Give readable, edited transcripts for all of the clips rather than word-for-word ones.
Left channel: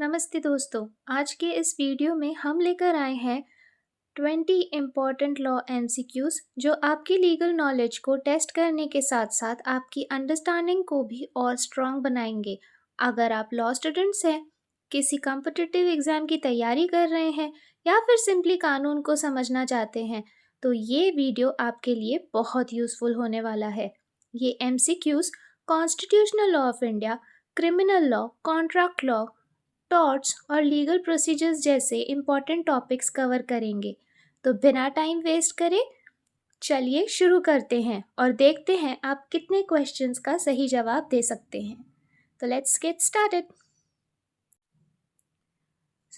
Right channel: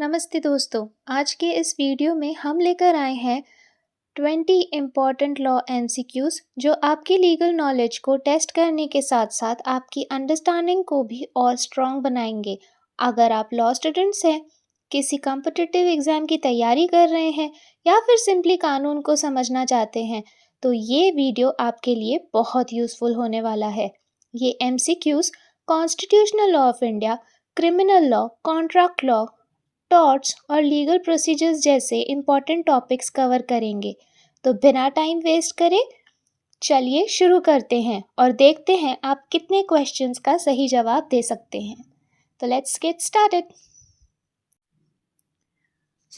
नमस्ते दोस्तों, आज के इस वीडियो में हम लेकर आए हैं 20 इम्पॉर्टेंट लॉ एमसीक्यूज जो आपकी लीगल नॉलेज को टेस्ट करने के साथ साथ आपकी अंडरस्टैंडिंग को भी और स्ट्रॉन्ग बनाएंगे। अगर आप लॉ स्टूडेंट्स हैं, किसी कॉम्पिटिटिव एग्ज़ाम की तैयारी कर रहे हैं या फिर सिंपली कानून को समझना चाहते हैं, तो ये वीडियो आपके लिए बहुत यूज़फुल होने वाला है। ये MCQs constitutional law of India, criminal law, contract law, torts और लीगल प्रोसीजर्स जैसे इम्पॉर्टेंट टॉपिक्स कवर करेंगे। तो बिना टाइम वेस्ट करे चलिए शुरू करते हैं और देखते हैं आप कितने क्वेश्चंस का सही जवाब दे सकते हैं। तो लेट्स गेट स्टार्टेड।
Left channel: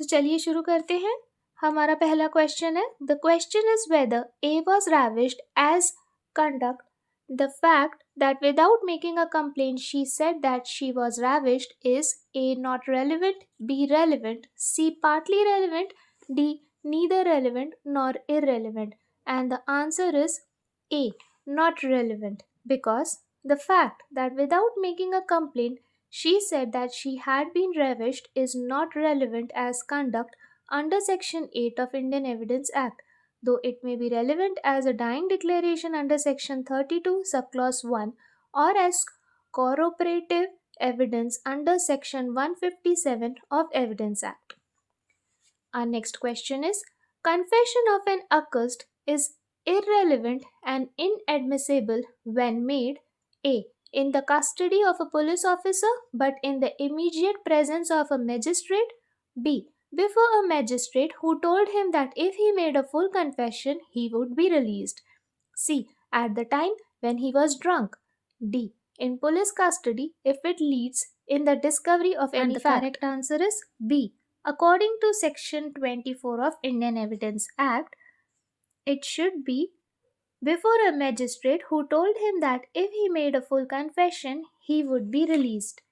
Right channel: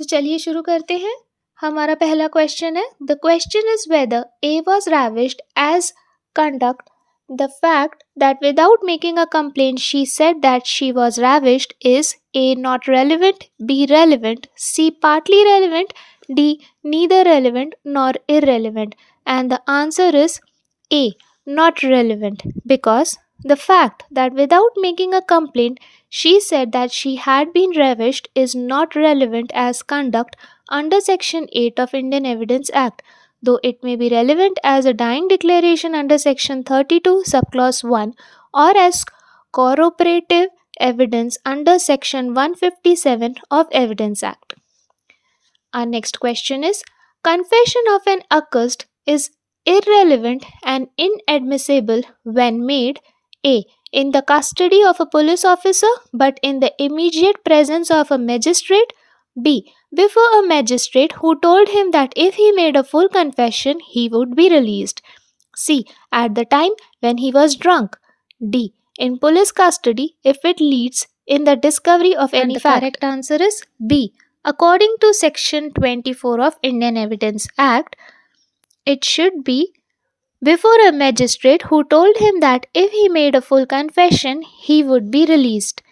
चलिए शुरू करते हैं। हमारा पहला क्वेश्चन है, the question is whether A was ravished as conduct the fact that without making a complaint she said that she was ravished is A. not relevant, B. relevant, C. partly relevant, D. neither relevant nor irrelevant. And the answer is A. not relevant, because the fact that without making a complaint she said that she had been ravished is not relevant as conduct under Section 8 of Indian Evidence Act, though it may be relevant as a dying declaration under Section 32, subclause 1, or as corroborative evidence under Section 157 of Evidence Act. Our next question is, confession of an accused is irrelevant and inadmissible when made A. in the custody of a police officer but in the immediate presence of a magistrate, B. before a magistrate who told him that if he made a full confession, he would be released, C. at the time when he was drunk, D. in police custody if it leads in the discovery of any fact. The correct answer is B. According to Section 24 of Indian Evidence Act, it should be before a magistrate who told him that if he made a full confession, he would be released.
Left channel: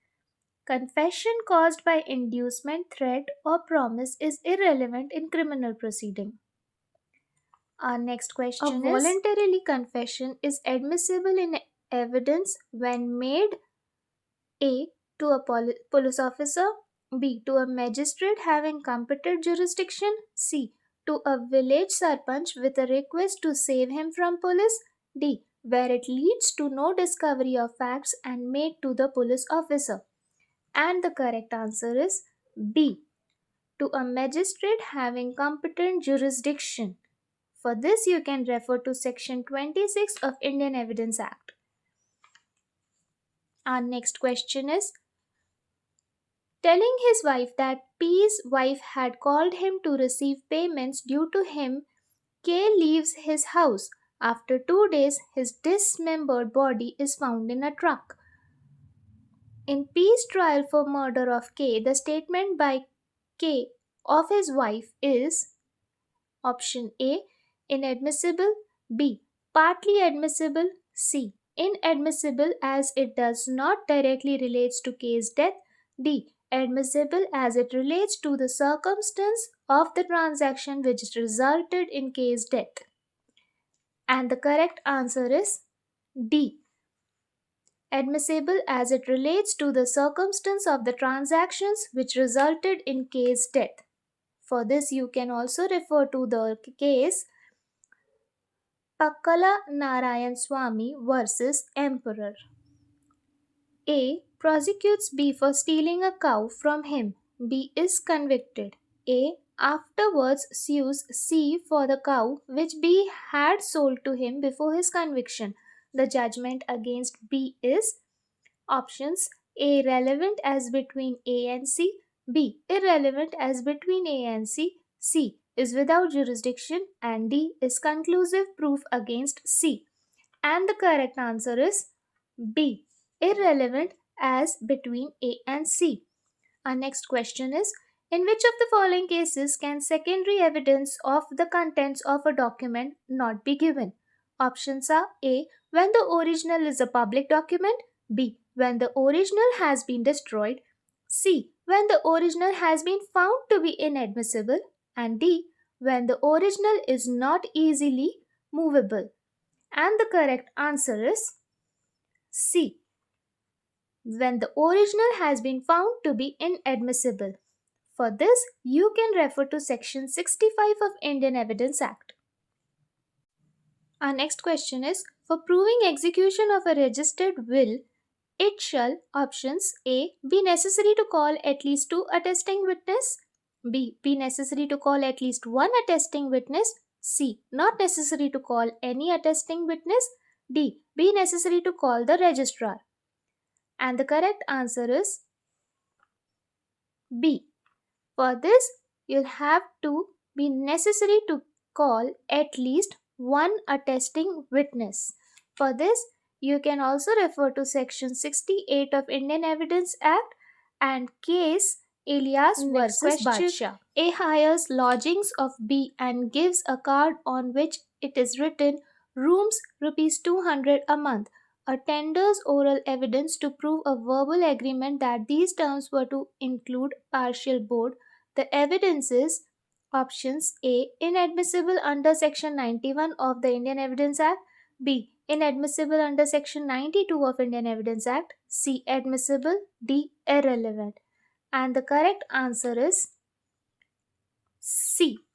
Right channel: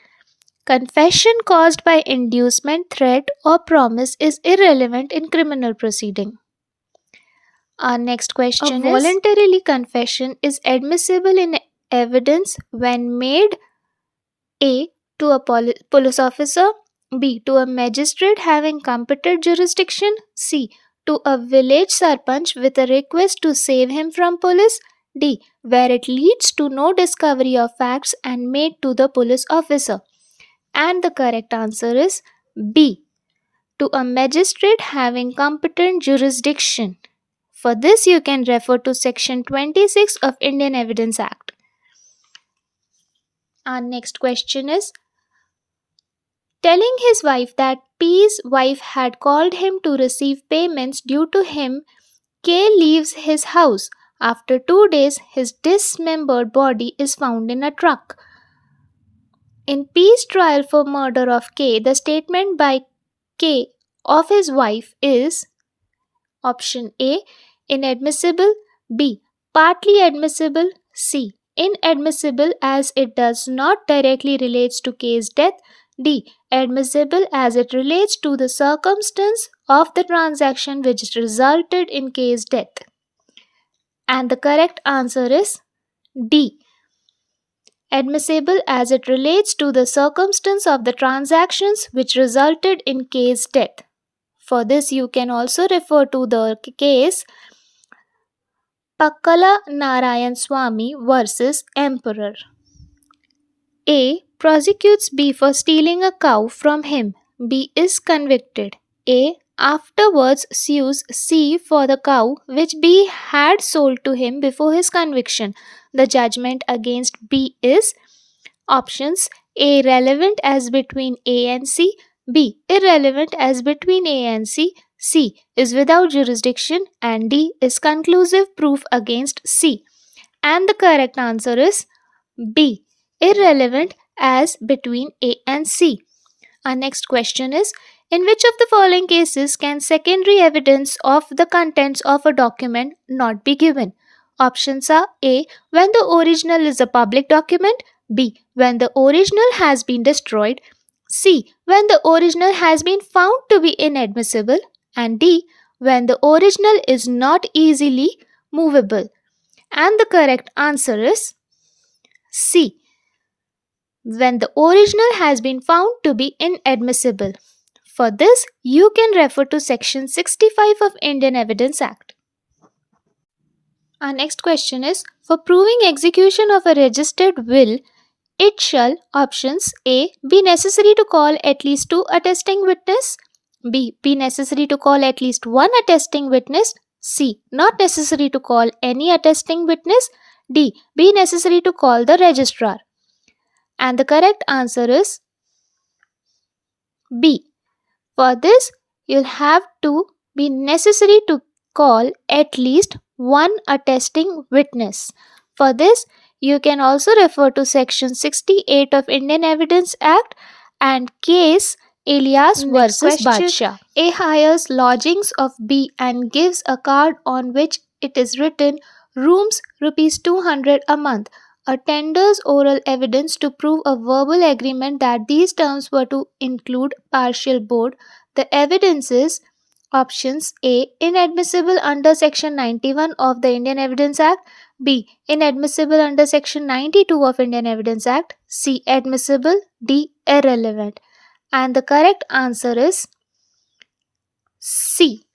Confession caused by inducement, threat, or promise is irrelevant in criminal proceeding. Our next question is, voluntarily confession is admissible in evidence when made A. to a police officer, B. to a magistrate having competent jurisdiction, C. to a village sarpanch with a request to save him from police, D. where it leads to no discovery of facts and made to the police officer. And the correct answer is B. to a magistrate having competent jurisdiction. For this, you can refer to Section 26 of Indian Evidence Act. Our next question is, telling his wife that P's wife had called him to receive payments due to him, K leaves his house. After 2 days, his dismembered body is found in a truck. In P's trial for murder of K, the statement by K of his wife is option A. inadmissible, B. partly admissible, C. inadmissible as it does not directly relates to K's death, D. admissible as it relates to the circumstance of the transaction which resulted in K's death. And the correct answer is D. admissible as it relates to the circumstance of the transactions which resulted in K's death. For this, you can also refer to the case Pakkala Narayan Swamy versus Emperor. A. prosecutes B for stealing a cow from him. B is convicted. A. afterwards sues C for the cow which B had sold to him before his conviction. The judgment against B is options A. relevant as between A and C, B. irrelevant as between A and C, C. is without jurisdiction, and D. is conclusive proof against C. And the correct answer is B. irrelevant as between A and C. Our next question is, in which of the following cases can secondary evidence of the contents of a document not be given? Options are A. when the original is a public document, B. when the original has been destroyed, C. when the original has been found to be inadmissible, and D. when the original is not easily movable. And the correct answer is C. when the original has been found to be inadmissible. For this, you can refer to Section 65 of Indian Evidence Act. Our next question is, for proving execution of a registered will, it shall options A. Be necessary to call at least 2 attesting witness. B. Be necessary to call at least 1 attesting witness. C. Not necessary to call any attesting witness. D. Be necessary to call the registrar. And the correct answer is B. For this, you'll have to be necessary to call at least 1 attesting witness. For this, you can also refer to Section 68 of Indian Evidence Act and case Elias versus Badshah. A hires lodgings of B and gives a card on which it is written rooms rupees 200 a month. A tenders oral evidence to prove a verbal agreement that these terms were to include partial board. The evidence is options A. Inadmissible under Section 91 of the Indian Evidence Act. B. Inadmissible under Section 92 of Indian Evidence Act. C. Admissible. D. Irrelevant. And the correct answer is C.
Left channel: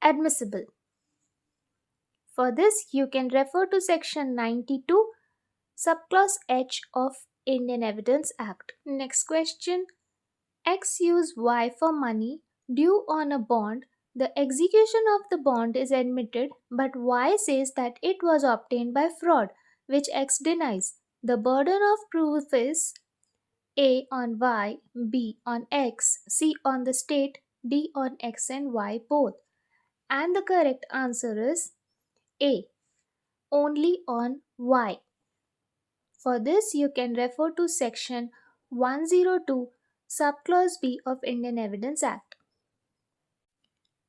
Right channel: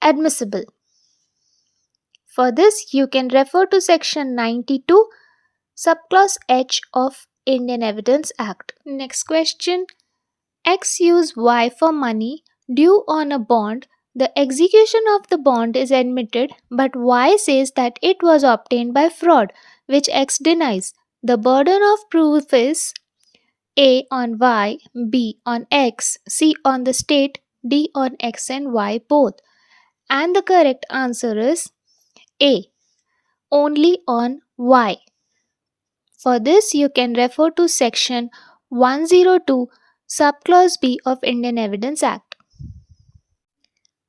Admissible. For this, you can refer to Section 92, subclause H of Indian Evidence Act. Next question. X use Y for money due on a bond. The execution of the bond is admitted, but Y says that it was obtained by fraud, which X denies. The burden of proof is A on Y, B on X, C on the state, D on X and Y both. And the correct answer is A, only on Y. For this, you can refer to Section 102, subclause B of Indian Evidence Act.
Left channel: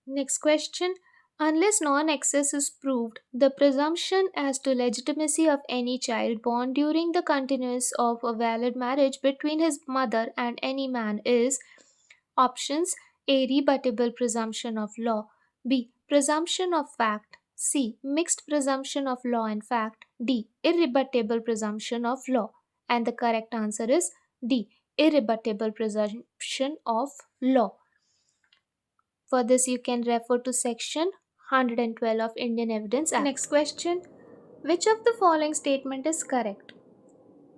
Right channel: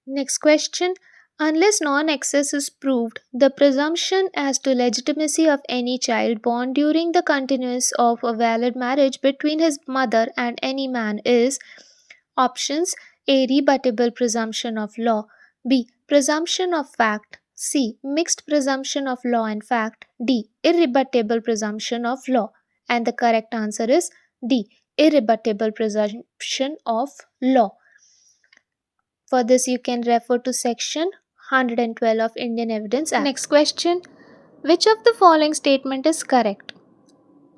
Next question. Unless non-excess is proved, the presumption as to legitimacy of any child born during the continuance of a valid marriage between his mother and any man is options A. Rebuttable presumption of law, B. Presumption of fact, C. Mixed presumption of law and fact, D. Irrebuttable presumption of law. And the correct answer is D. Irrebuttable presumption of law. For this, you can refer to Section 112 of Indian Evidence Act. Next question. Which of the following statement is correct?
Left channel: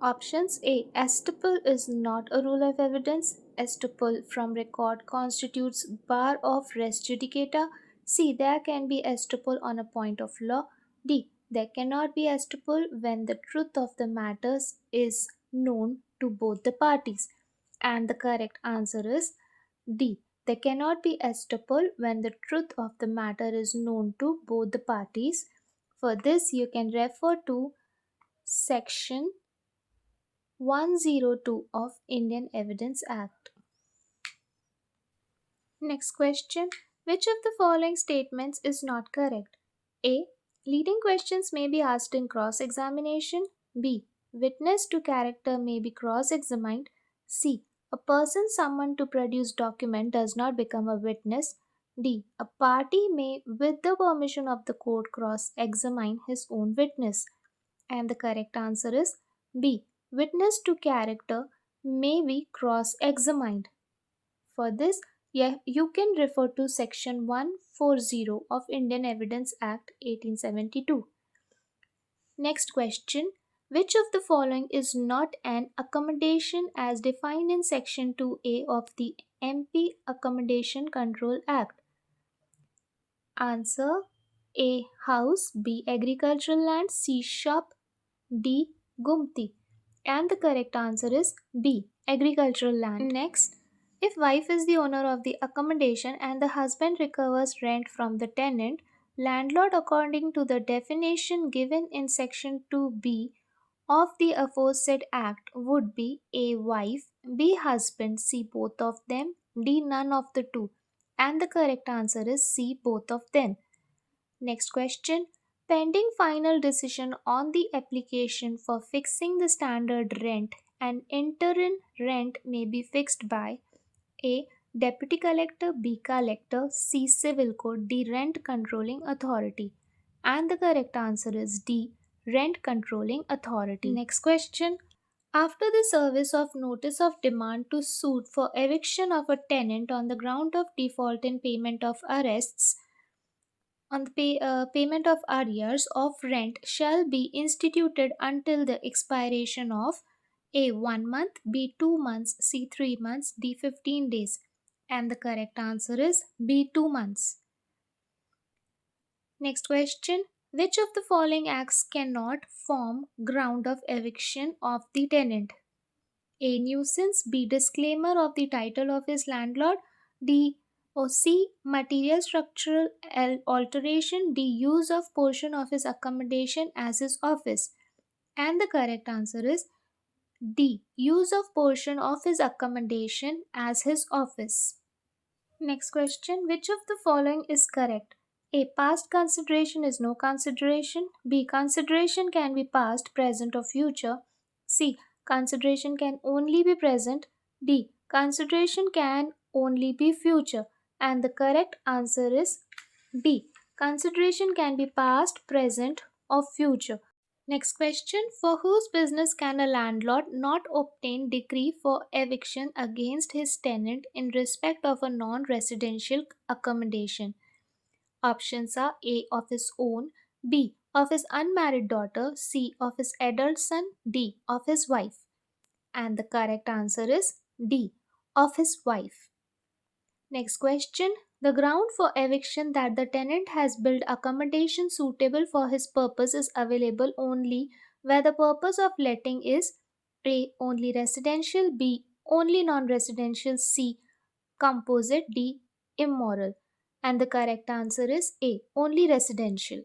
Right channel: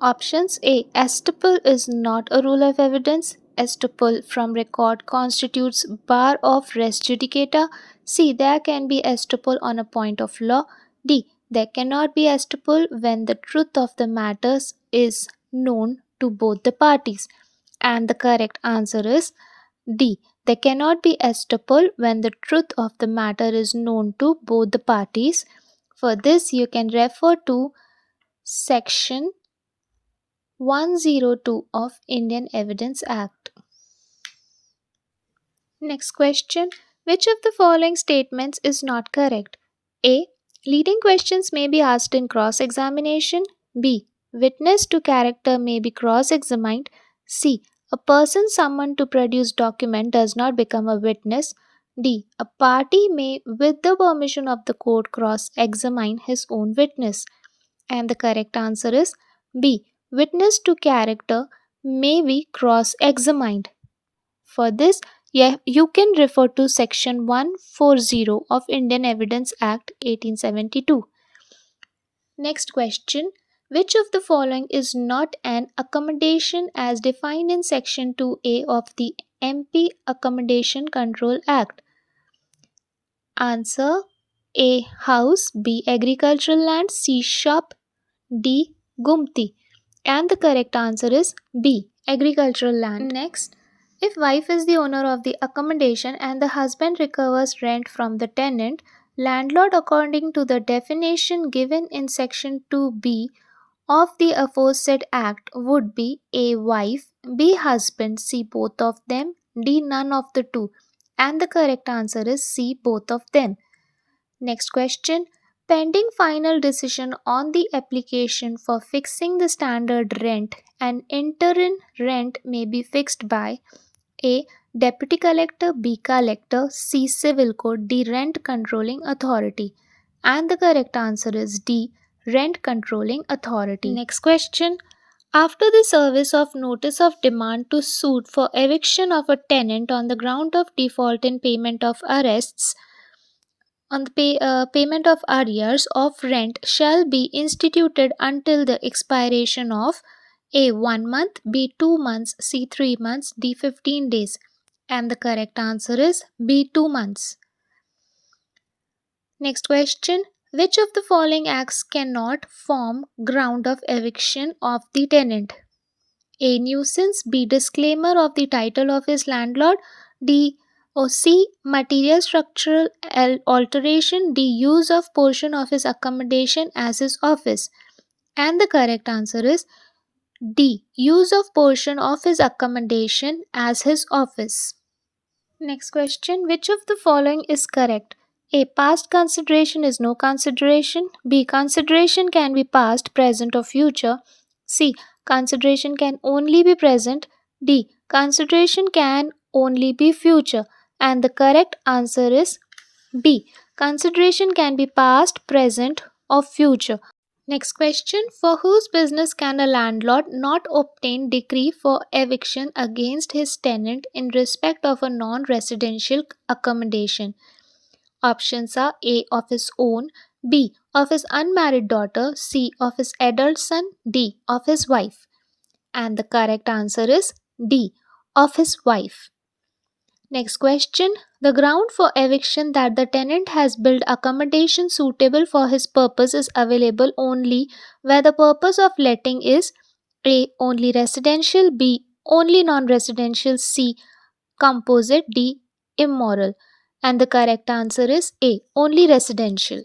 Options A. Estoppel is not a rule of evidence. Estoppel from record constitutes bar of res judicata. C. There can be estoppel on a point of law. D. There cannot be estoppel when the truth of the matters is known to both the parties. And the correct answer is D. There cannot be estoppel when the truth of the matter is known to both the parties. For this, you can refer to Section 102 of Indian Evidence Act. Next question. Which of the following statements is not correct? A. Leading questions may be asked in cross-examination. B. Witness to character may be cross-examined. C. A person summoned to produce document does not become a witness. D. A party may, with the permission of the court, cross-examine his own witness. And the correct answer is B. Witness to character may be cross-examined. For this, you can refer to Section 140 of Indian Evidence Act 1872. Next question. Which of the following is not an accommodation as defined in Section 2A of the MP Accommodation Control Act? Answer A. House, B. Agricultural land, C. Shop, D. Gumti. And the correct answer is B. Agricultural land. Next, if wife is the owner of the accommodation and the husband recovers rent from the tenant, landlord according to the definition given in Section 2B of the aforesaid act would be A. Wife, B. Husband, C. Both of them, D. None of the two. And the correct answer is C. Both of them. Next question. Pending final decision on the application for fixing the standard rent, an interim rent may be fixed by A. Deputy Collector, B. Collector, C. Civil Court, D. Rent Controlling Authority. And the correct answer is D. Rent Controlling Authority. Next question. After the service of notice of demand to suit for eviction of a tenant on the ground of default in payment of arrests, on the payment of arrears of rent shall be instituted until the expiration of A 1 month, B 2 months, C 3 months, D 15 days. And the correct answer is B 2 months. Next question. Which of the following acts cannot form ground of eviction of the tenant? A. Nuisance. B. Disclaimer of the title of his landlord. D. Or C. Material structural alteration. D. Use of portion of his accommodation as his office. And the correct answer is D. Use of portion of his accommodation as his office. Next question. Which of the following is correct? A. Past consideration is no consideration. B. Consideration can be past, present, or future. C. Consideration can only be present. D. Consideration can only be future. And the correct answer is B. Consideration can be past, present, or future. Next question. For whose business can a landlord not obtain decree for eviction against his tenant in respect of a non residential accommodation? Options are A. Of his own, B. Of his unmarried daughter, C. Of his adult son, D. Of his wife. And the correct answer is D. Of his wife. Next question. The ground for eviction that the tenant has built accommodation suitable for his purpose is available only where the purpose of letting is A. Only residential, B. Only non residential, C. Composite, D. Immoral. And the correct answer is A. Only residential.